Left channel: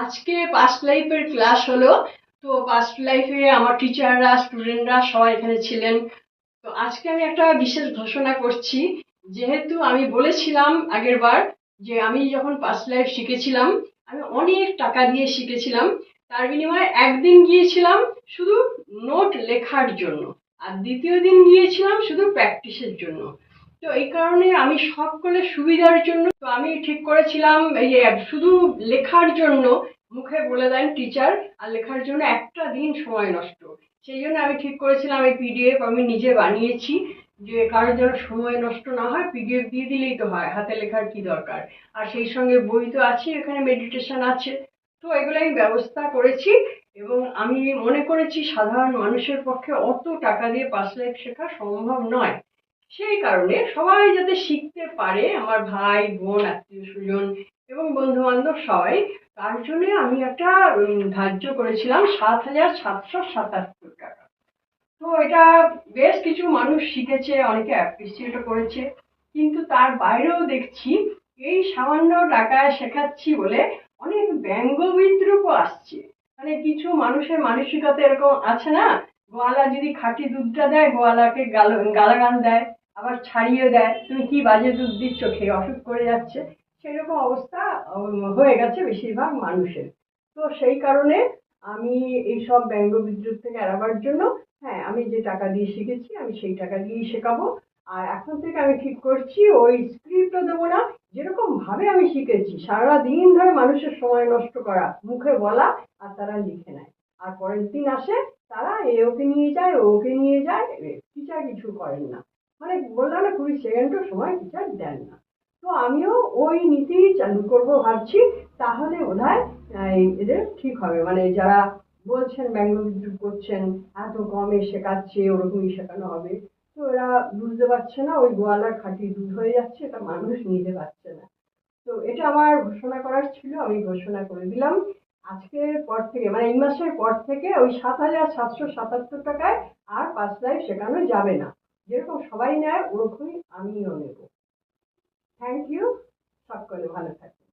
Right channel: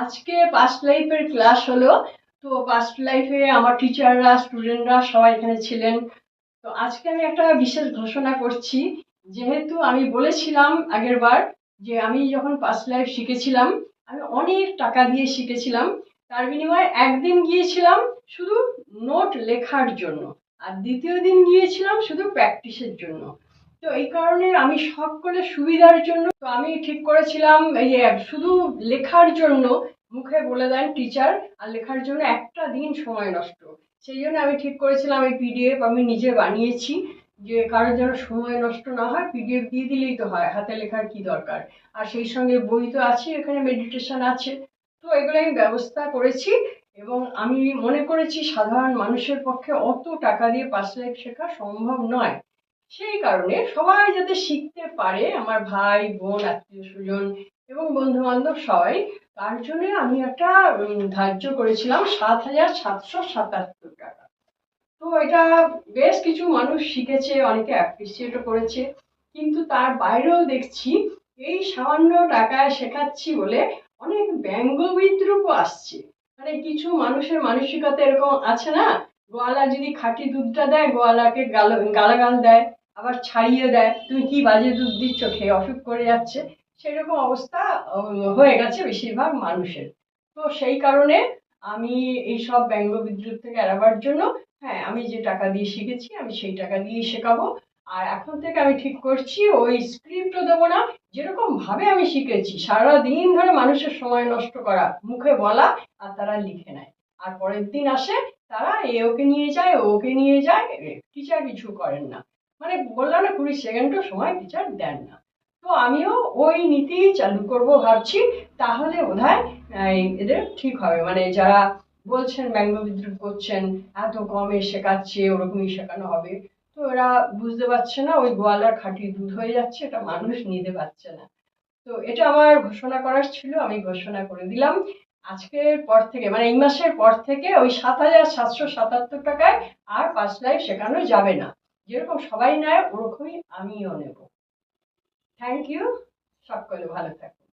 আজকে পাস্ট লাইফের ক্লাস হলো। তো পাস্ট লাইফে আমার টিচাররা স্টুডেন্টরা সবাই এখানে ছিলেন। তো আজকে আমি একটা বিশেষ ঘোষণা করছি। যেহেতু আমি বলেছিলাম আগের বার যে আমি যখন পাস্ট লাইফ শিখেছিলাম, আমি অনেক টাকা দিয়ে শিখেছিলাম। তার বিনিময়ে একদিন গিয়েছিলাম শুধু নোট লেখার জন্য, আর দ্বিতীয় দিন গিয়েছিলাম শুধু প্র্যাকটিসের জন্য। তো এই কারণে আমি সকলের সুবিধার জন্য তো আমি ঠিক করেছিলাম এই যে শুধু লেখার জন্য মুখে বলে দেন টিচার, আর লেখার জন্য একটা দিন সময় নষ্ট। সেই জন্য আমি ঠিক করেছিলাম এই পিডিএফ আমি নিজে বানিয়েছি, যে কারোর যেন সময় নষ্ট না হয়, পিডিএফ দিয়ে দিলেই তো হয়, হাতে লেখার কি দরকার। আর সেই সঙ্গে বই তো আছে, এখানে মেডিটেশন আছে। তো এগুলো আমি ব্যবস্থা করেছি। এবং আমি মনে করেছি সাধারণ মানুষের পক্ষে অত টাকা দিয়ে পাস্ট লাইফ শেখা সম্ভব নয়। সেই কারণে সবাই যাতে শিখতে পারে, আমার ভাই বোন আত্মীয় স্বজন এবং বন্ধু বান্ধব সবাই, তার জন্য আমি একটা ধার্য করেছিলাম ৭,৭৭৭ টাকা। তো এটা বেশ কিছু মানুষ শিখেছে, অনেকে অ্যাপ্রিসিয়েটও করেছে। কিন্তু তার বাইরেও দেখছি এই সামান্য টাকায় শেখাচ্ছি বলে অনেক ব্যঙ্গ বিদ্রূপও আসছে। মানে কিছু মানুষের মানসিকতা এরকম আছে না, গোয়ালা যদি খাঁটি দুধটা দেয় গোয়ালাকে গালাগাল দেয়, আবার ছাড়িয়ে দেয়, তুমি কি বাজে দুধ দিচ্ছ, খেয়ে অসুখ করে যাচ্ছে। সেরকম অবস্থা হয়ে গেছে বেশিরভাগ মানুষের। তো সেই কারণে আমি এইসব ব্যঙ্গ বিদ্রুপ থেকে এড়াবার জন্য, হ্যাঁ, আমি যে টাকা দিয়ে শিখেছি আমি সেই টাকা দিয়েই শেখাবো। আর এখন থেকে আমি ঠিক করছি ওই স্ক্রিপ্টও দেবো না। যেরকম ভাবে আমি শিখেছি সারা দিন ধরে মানুষের সময় নষ্ট করা, মুখে বলা, আর তারা লিখে নেয়। আর পরের দিন আসে, তারা এ ওকে নিয়ে যায়, ও ওকে নিয়ে যায়, টিচার কিছু করেন না। মানে বললাম না, 20 সেকেন্ডও সময় টিচার দেন না। তো আমিও ওই নীতি চালু করব ভাবছি। তাহলে বোধহয় এদের ঠিক হবে, মানে যারা বলছেন ব্যঙ্গ বিদ্রুপ করছেন এত কমে শেখাচ্ছে ওরকমই শেখানো হবে। তো এরা বুঝতে পারছে না ওই গোয়ালার খাঁটি দুধ হয়ে যাচ্ছে, এটা মানুষ নিতে পারছে না। তো এটা আমার ঘোষণা করার ছিল, আমি ঘোষণা করে দিলাম। আজকের পর থেকে মানে এই মাসের পর থেকে ওই ৭,৭৭৭ টাকায় আর পাস্ট লাইফ শেখানো যাবে না। যেরকম সবাই নেয় ওরকমই আমিও নেব। Thank you. সকলে ভালো থাকুন।